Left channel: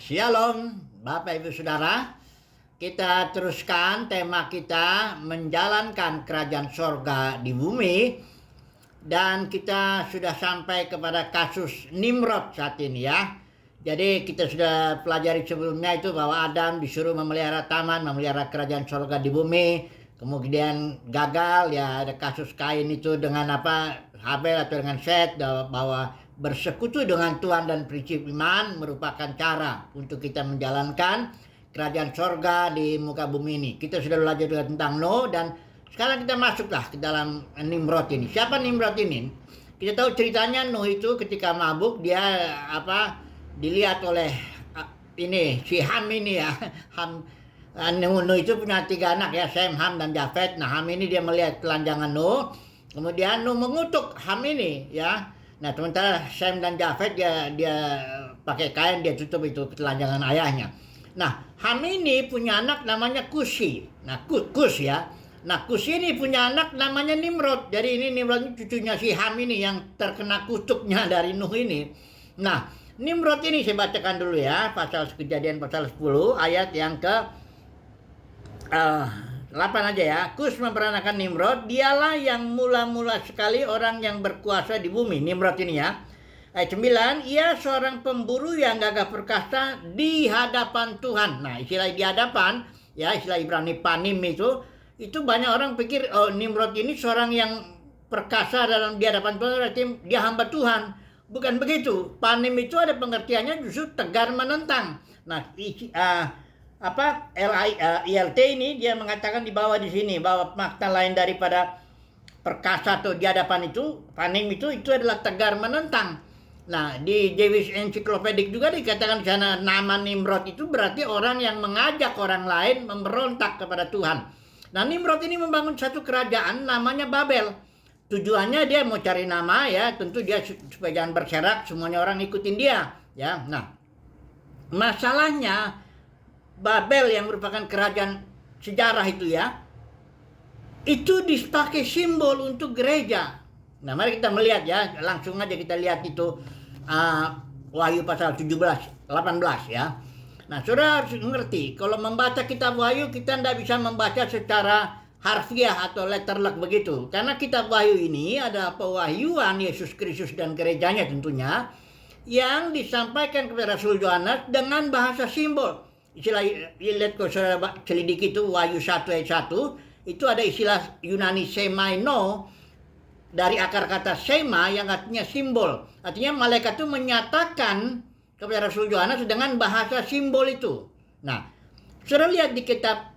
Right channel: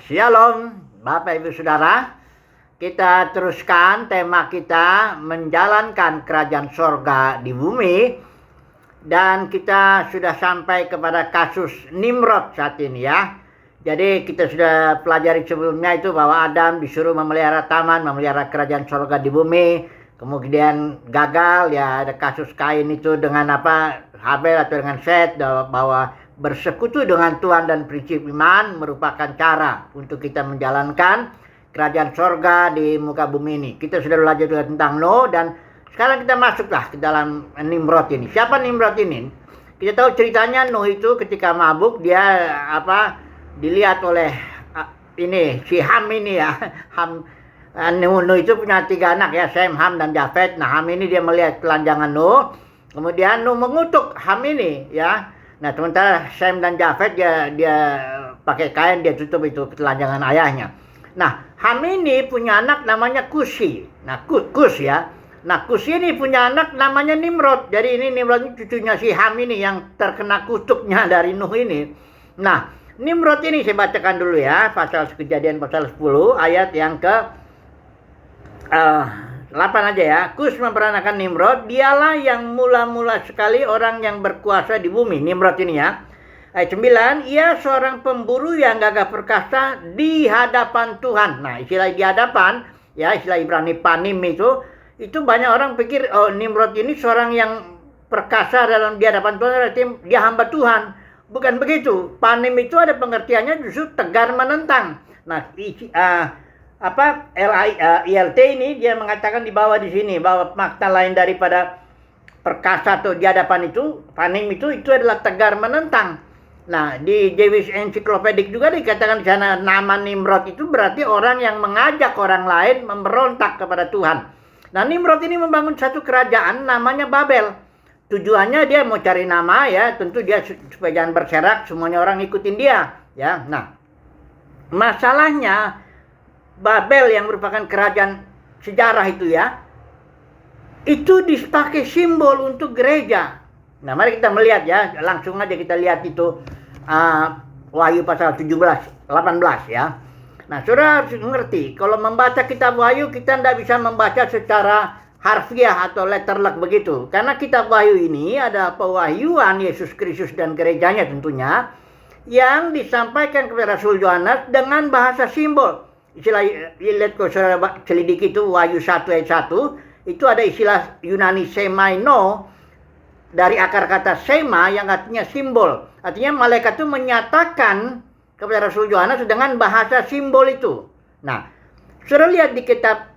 Shalom, Bapak Ibu Saudara. Kita teruskan tema kita menjalankan kerajaan sorga di bumi. Dan kita sudah sampai kepada kasus Nimrod saat ini ya. Jadi kita sudah pelajari sebelumnya itu bahwa Adam disuruh memelihara taman, memelihara kerajaan sorga di bumi. Kemudian gagal ya, ada kasus Kain itu dengan Habel atau dengan Set, bahwa bersekutu dengan Tuhan dan prinsip iman merupakan cara untuk kita menjalankan kerajaan sorga di muka bumi ini. Kita sudah belajar juga tentang Nuh, dan sekarang kita masuklah ke dalam Nimrod ini. Siapa Nimrod ini? Kita tahu ceritanya Nuh itu ketika mabuk dia dilihat oleh si Ham ini ya. Nuh itu punya 3 anak ya, Sem, Ham, dan Jafet. Nah, Ham ini dia melihat telanjangan Nuh. Kemudian Nuh mengutuk Ham ini ya. Nah, sementara Sem dan Jafet dia pakai kain, dia tutup itu telanjangan ayahnya. Nah, Ham ini punya anak namanya Kusi. Nah, Kus ya. Nah, Kus ini punya anak namanya Nimrod. Jadi ini Nimrod ini cucunya si Ham ini yang terkena kutuknya dari Nuh ini. Nah, Nimrod ini saya bacakan dulu ya, Kejadian pasal 10 ayat yang ke 8 aja ya. Kus memperanakan Nimrod, dialah yang mula-mula sekali orang yang berkuasa di bumi. Nimrod ini ya. Ayat 9, ia seorang pemburu yang gagah perkasa di hadapan Tuhan. Nah, istilah di hadapan ya, istilah Ibrani panim itu banyak orang pikir Nimrod ini seorang yang perkasa di hadapan Tuhan, berarti dia hamba Tuhan. Bukan begitu. Panim itu ada pengertiannya justru tegar menentang. Nah, ILT ini dia mengatakan di bawah di sini bahwa makna lain daripada perkasa atau di hadapan itu, panim itu adalah tegar menentang. Nah, di Jewish Encyclopedic juga dikatakan di sana nama Nimrod itu berarti orang yang mengajak orang lain memberontak kepada Tuhan. Nah, Nimrod ini membangun satu kerajaan namanya Babel. Tujuannya dia mau cari nama ya, tentu dia supaya jangan berserak, semuanya orang ikutin dia ya. Nah, masalahnya Babel yang merupakan kerajaan sejarah itu ya, itu dipakai simbol untuk gereja. Nah, mari kita melihat ya, langsung aja kita lihat itu Wahyu pasal 18 ya. Nah, saudara harus mengerti, kalau membaca kitab Wahyu kita tidak bisa membaca secara harfiah atau letterlek begitu. Karena kitab Wahyu ini ada pewahyuan Yesus Kristus dan gerejanya tentunya, yang disampaikan kepada Rasul Yohanes dengan bahasa simbol. Istilah, lihat kalau saudara selidiki itu Wahyu 1 ayat 1, itu ada istilah Yunani semaino, dari akar kata sema yang artinya simbol. Artinya malaikat itu menyatakan kepada Rasul Yohanes dengan bahasa simbol itu. Nah, saudara lihat di kitab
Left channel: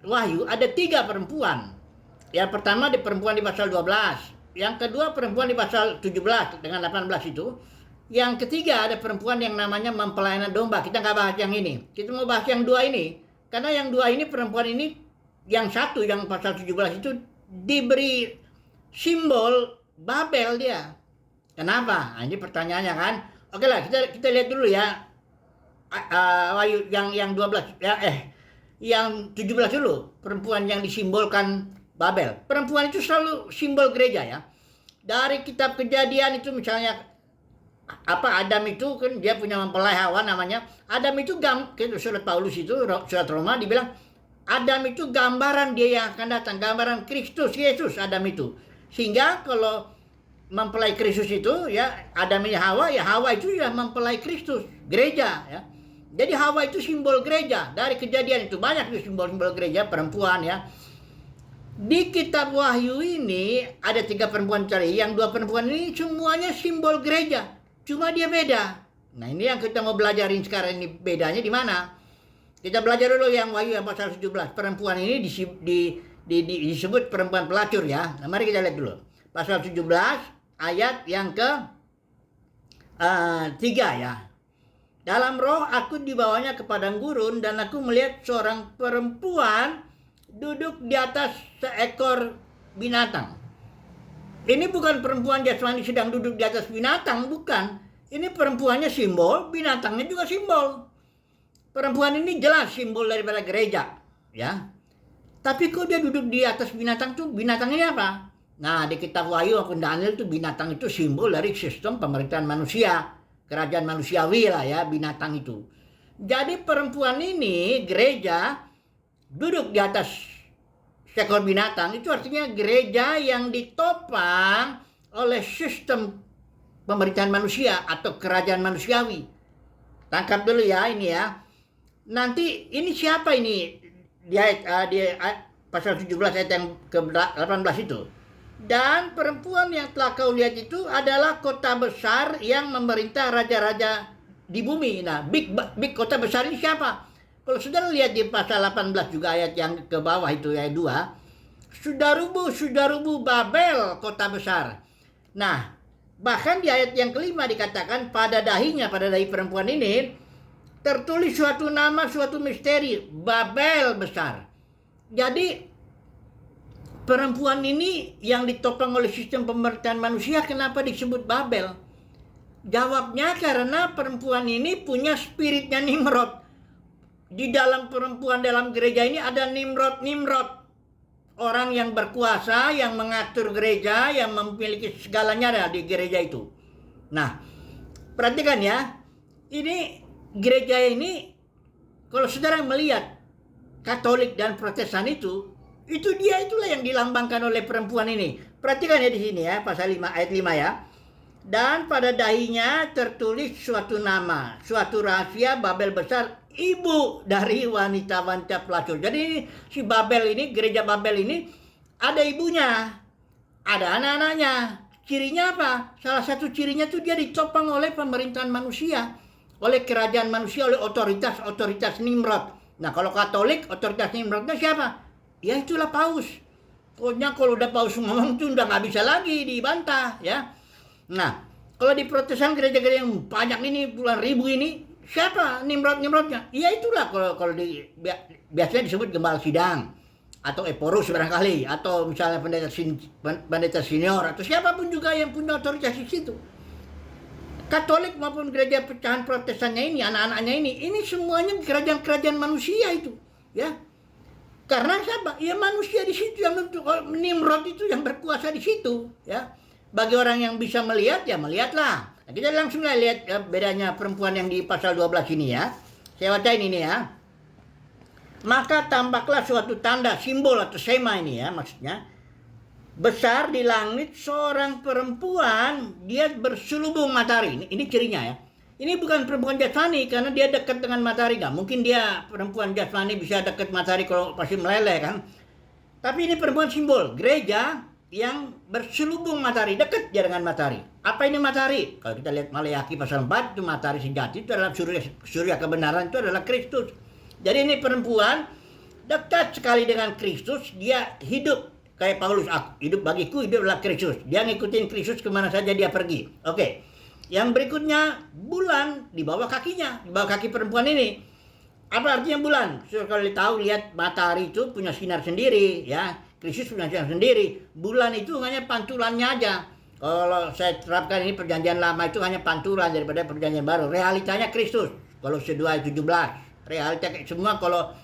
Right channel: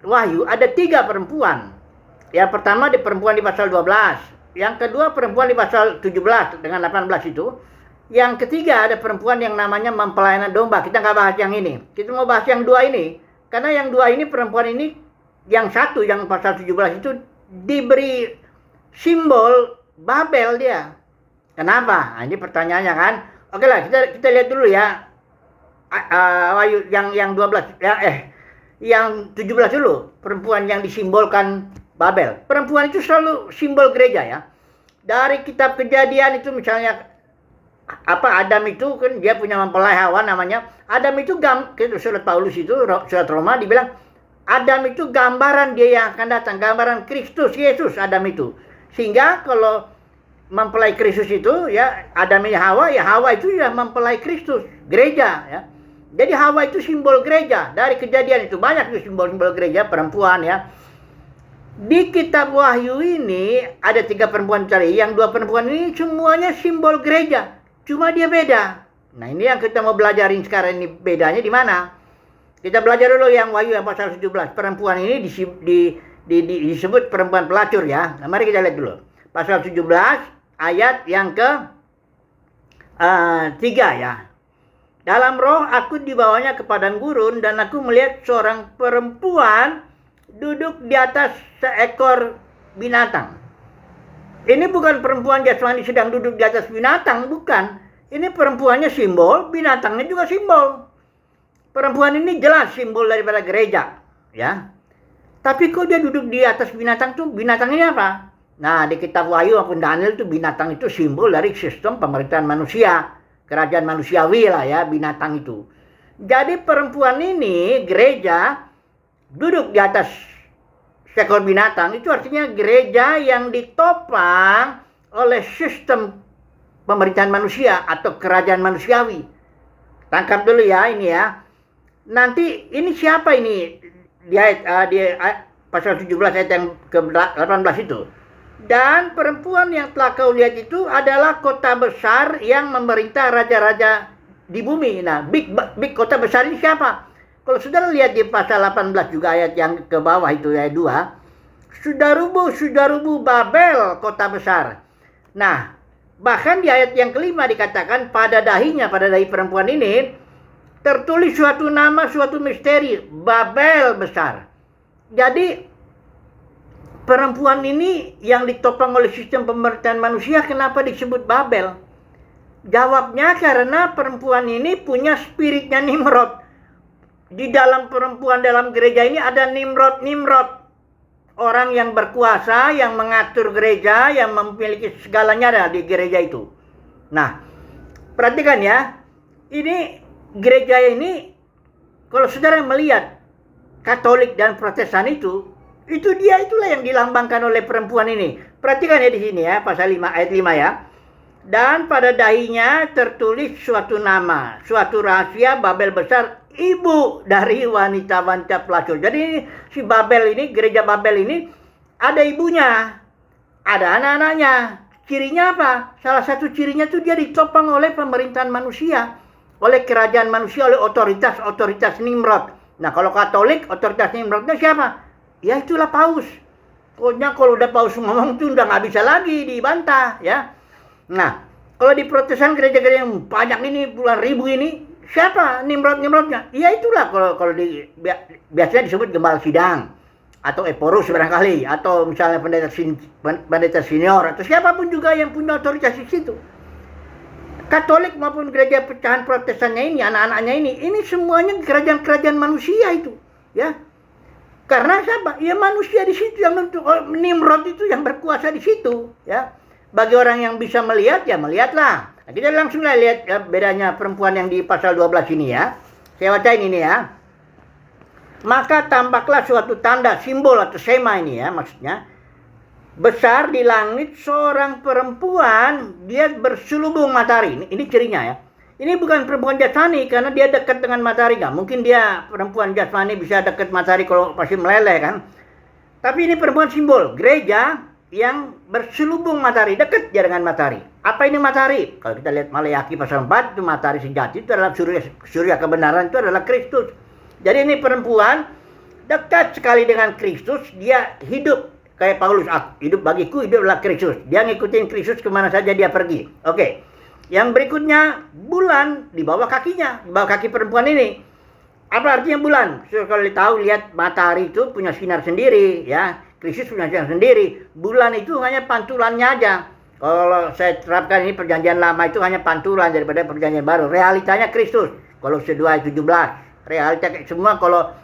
Wahyu ada 3 perempuan. Yang pertama di perempuan di pasal 12. Yang kedua perempuan di pasal 17 dengan 18 itu. Yang ketiga ada perempuan yang namanya mempelai domba. Kita nggak bahas yang ini. Kita mau bahas yang 2 ini. Karena yang 2 ini, perempuan ini, yang satu yang pasal 17 itu diberi simbol Babel dia. Kenapa? Nah, ini pertanyaannya kan. Oke lah, kita lihat dulu ya. Wahyu yang 12 ya, yang 17 dulu, perempuan yang disimbolkan Babel. Perempuan itu selalu simbol gereja ya. Dari kitab Kejadian itu misalnya Adam itu kan dia punya mempelai Hawa namanya. Adam itu surat Paulus itu, surat Roma dibilang Adam itu gambaran dia yang akan datang, gambaran Kristus Yesus Adam itu. Sehingga kalau mempelai Kristus itu ya, Adam ini Hawa, ya Hawa itu ya mempelai Kristus, gereja ya. Jadi Hawa itu simbol gereja. Dari Kejadian itu banyak simbol-simbol gereja perempuan ya. Di kitab Wahyu ini ada 3 perempuan tadi. Yang 2 perempuan ini semuanya simbol gereja. Cuma dia beda. Nah, ini yang kita mau belajarin sekarang, ini bedanya di mana? Kita belajar dulu yang Wahyu yang pasal 17. Perempuan ini disebut perempuan pelacur ya. Nah, mari kita lihat dulu. Pasal 17 ayat yang ke 3 ya. Dalam roh aku dibawanya ke padang gurun, dan aku melihat seorang perempuan duduk di atas seekor binatang. Ini bukan perempuan jasmani sedang duduk di atas binatang, bukan. Ini perempuannya simbol, binatangnya juga simbol. Perempuan ini jelas simbol daripada gereja, ya. Tapi kok dia duduk di atas binatang tuh, binatangnya apa? Nah, di kitab Wahyu maupun Daniel itu binatang itu simbol dari sistem pemerintahan manusia. kerajaan manusiawi lah ya, binatang itu. Jadi perempuan ini gereja duduk di atas seekor binatang, itu artinya gereja yang ditopang oleh sistem pemerintahan manusia atau kerajaan manusiawi. Tangkap dulu ya ini ya. Nanti ini siapa ini di pasal 17 ayat yang ke-18 itu. Dan perempuan yang telah kau lihat itu adalah kota besar yang memerintah raja-raja di bumi. Nah, big kota besar ini siapa? Kalau saudara lihat di pasal 18 juga ayat yang ke bawah itu ayat 2. Sudah rubuh Babel kota besar. Nah, bahkan di ayat yang kelima dikatakan pada dahi perempuan ini tertulis suatu nama, suatu misteri, Babel besar. Jadi perempuan ini yang ditopang oleh sistem pemerintahan manusia, kenapa disebut Babel? Jawabnya karena perempuan ini punya spiritnya Nimrod. Di dalam perempuan dalam gereja ini ada Nimrod. Orang yang berkuasa, yang mengatur gereja, yang memiliki segalanya ada di gereja itu. Nah, perhatikan ya. Ini gereja ini, kalau saudara melihat Katolik dan Protestan itu itulah yang dilambangkan oleh perempuan ini. Perhatikan ya di sini ya, pasal 5 ayat 5 ya. Dan pada dahinya tertulis suatu nama, suatu rahasia Babel besar, ibu dari wanita-wanita pelacur. Jadi si Babel ini, gereja Babel ini ada ibunya, ada anak-anaknya. Cirinya apa? Salah satu cirinya tuh dia ditopang oleh pemerintahan manusia, oleh kerajaan manusia, oleh otoritas Nimrod. Nah, kalau Katolik, otoritas Nimrodnya siapa? Ya itulah Paus. Pokoknya kalau udah Paus ngomong tuh udah nggak bisa lagi dibantah ya. Nah, kalau di Protestan gereja-gereja yang banyak ini, puluhan ribu ini, siapa Nimrodnya? Ya itulah kalau biasanya disebut gembala sidang atau eporus barangkali, atau misalnya pendeta senior atau siapapun juga yang punya otoritas di situ. Katolik maupun gereja pecahan Protestannya ini, anak-anaknya ini semuanya kerajaan-kerajaan manusia itu, ya. Karena siapa? Ya manusia di situ yang Nimrod itu yang berkuasa di situ, ya. Bagi orang yang bisa melihat, ya melihatlah. Nah, kita langsung lihat ya, bedanya perempuan yang di pasal 12 ini ya. Saya bacain ini ya. Maka tampaklah suatu tanda, simbol atau sema ini ya maksudnya. Besar di langit seorang perempuan, dia berselubung matahari. Ini cirinya ya. Ini bukan perempuan jasmani karena dia dekat dengan matahari. Nggak mungkin dia perempuan jasmani bisa dekat matahari kalau pasti meleleh kan. Tapi ini perempuan simbol, gereja yang berselubung matahari, dekat dia dengan matahari. Apa ini matahari? Kalau kita lihat Maleakhi pasal 4, itu matahari sejati, itu adalah surya kebenaran, itu adalah Kristus. Jadi ini perempuan dekat sekali dengan Kristus, dia hidup. Kayak Paulus, hidup bagiku, hidup adalah Kristus. Dia ngikutin Kristus kemana saja dia pergi. Oke. Yang berikutnya, bulan di bawah kakinya, di bawah kaki perempuan ini. Apa artinya bulan? So, kalau tahu, lihat matahari itu punya sinar sendiri, ya. Kristus punya sinar sendiri. Bulan itu hanya pantulannya aja. Kalau saya terapkan ini perjanjian lama itu hanya pantulan daripada perjanjian baru. Realitanya Kristus. Kalau 2 ayat 17. Realita semua kalau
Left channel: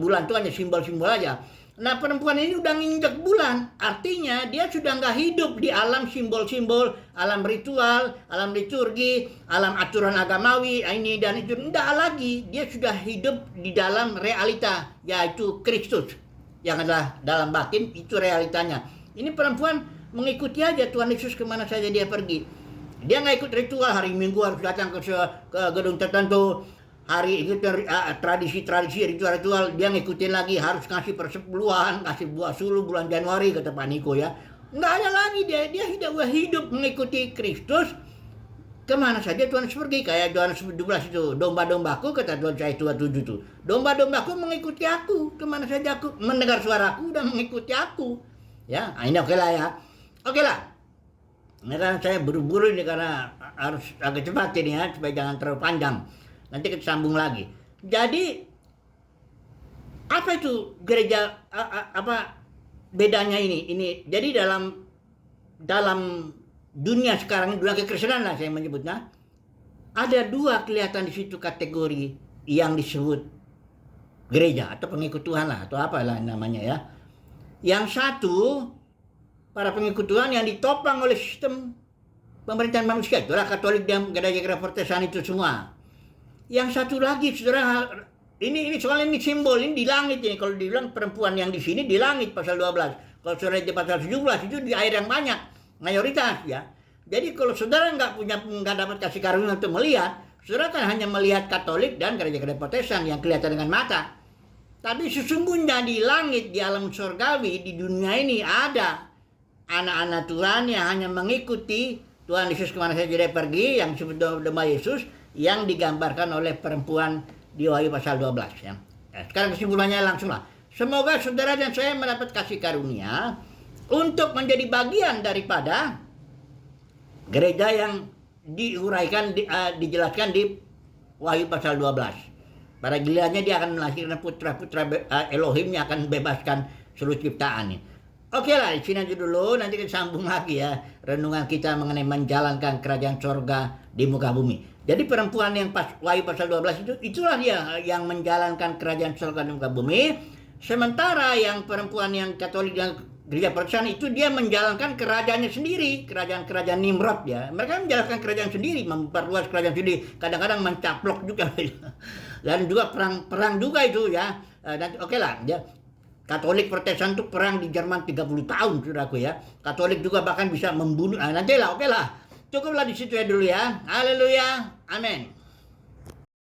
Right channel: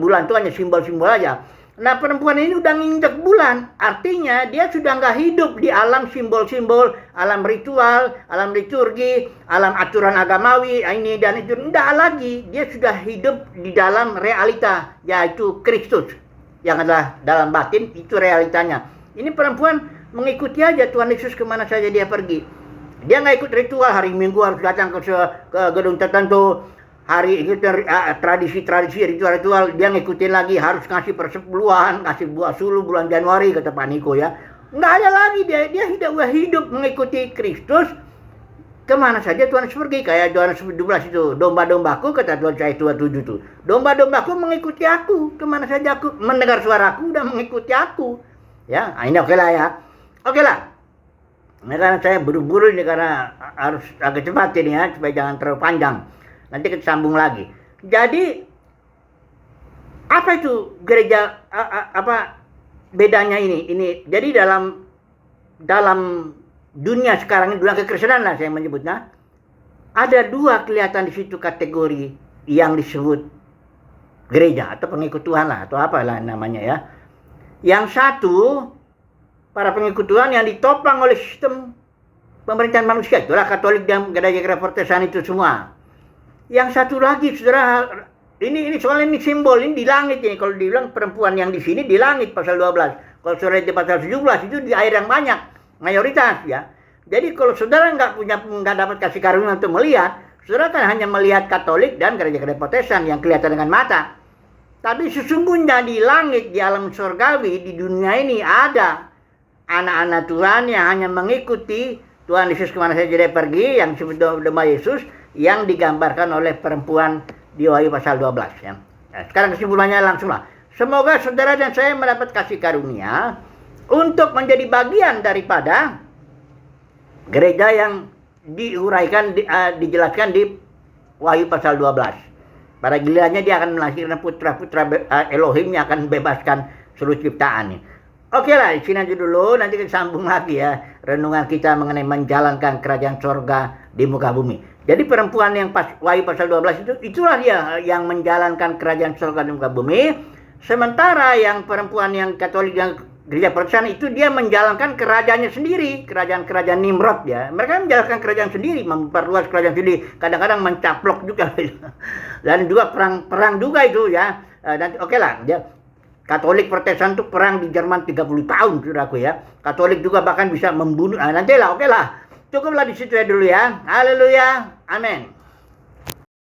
bulan itu hanya simbol-simbol aja. Nah, perempuan ini udah nginjek bulan, artinya dia sudah nggak hidup di alam simbol-simbol, alam ritual, alam liturgi, alam aturan agamawi, ini dan itu. Enggak lagi, dia sudah hidup di dalam realita, yaitu Kristus. Yang adalah dalam batin, itu realitanya. Ini perempuan mengikuti aja Tuhan Yesus kemana saja dia pergi. Dia nggak ikut ritual, hari Minggu harus datang ke gedung tertentu. Hari itu tradisi ritual dia ngikutin lagi, harus ngasih persepuluhan, kasih buah suluh bulan Januari kata Pak Niko ya. Nggak ada lagi, dia hidup mengikuti Kristus kemana saja Tuhan Yesus pergi. Kayak Yohanes 12 itu, domba-dombaku kata Tuhan saya 27 itu, domba-dombaku mengikuti aku kemana saja, aku mendengar suaraku dan mengikuti aku ya. Nah, ini oke lah ya, oke lah. Nah, karena saya buru-buru ini karena harus agak cepat ini ya, supaya jangan terlalu panjang. Nanti kita sambung lagi. Jadi apa itu gereja, apa bedanya ini? Jadi dalam dunia sekarang, dunia kekristenan lah saya menyebutnya, ada dua kelihatan di situ kategori yang disebut gereja atau pengikut Tuhan lah atau apalah namanya ya. Yang satu para pengikut Tuhan yang ditopang oleh sistem pemerintahan manusia. Itulah Katolik dan gereja-gereja Protestan itu semua. Yang satu lagi, saudara, ini soal ini simbol, ini di langit ini. Kalau dibilang perempuan yang di sini di langit pasal 12. Kalau saudara di pasal 17 itu di air yang banyak, mayoritas ya. Jadi kalau saudara nggak dapat kasih karunia untuk melihat, saudara kan hanya melihat Katolik dan gereja-gereja Protestan yang kelihatan dengan mata. Tapi sesungguhnya di langit, di alam surgawi, di dunia ini ada anak-anak Tuhan yang hanya mengikuti Tuhan Yesus kemana saja dia pergi, yang disebut domba Yesus, yang digambarkan oleh perempuan di Wahyu pasal 12 ya. Nah, sekarang kesimpulannya langsunglah. Semoga saudara dan saya mendapat kasih karunia untuk menjadi bagian daripada gereja yang diuraikan, dijelaskan di Wahyu pasal 12. Pada gilirannya dia akan melahirkan putra-putra Elohim yang akan membebaskan seluruh ciptaan. Oke lah, di sini aja dulu. Nanti kita sambung lagi ya renungan kita mengenai menjalankan kerajaan sorga di muka bumi. Jadi perempuan yang Wahyu pasal 12 itulah dia yang menjalankan kerajaan sorga di muka bumi. Sementara yang perempuan yang Katolik dan gereja Protestan itu dia menjalankan kerajaannya sendiri, kerajaan Nimrod ya. Mereka menjalankan kerajaan sendiri, memperluas kerajaan sendiri, kadang-kadang mencaplok juga. Dan juga perang juga itu ya. Dan oke lah, ya. Katolik Protestan itu perang di Jerman 30 tahun, saudaraku ya. Katolik juga bahkan bisa membunuh. Nantilah, oke lah. Cukuplah di situ ya dulu ya. Haleluya. Amin.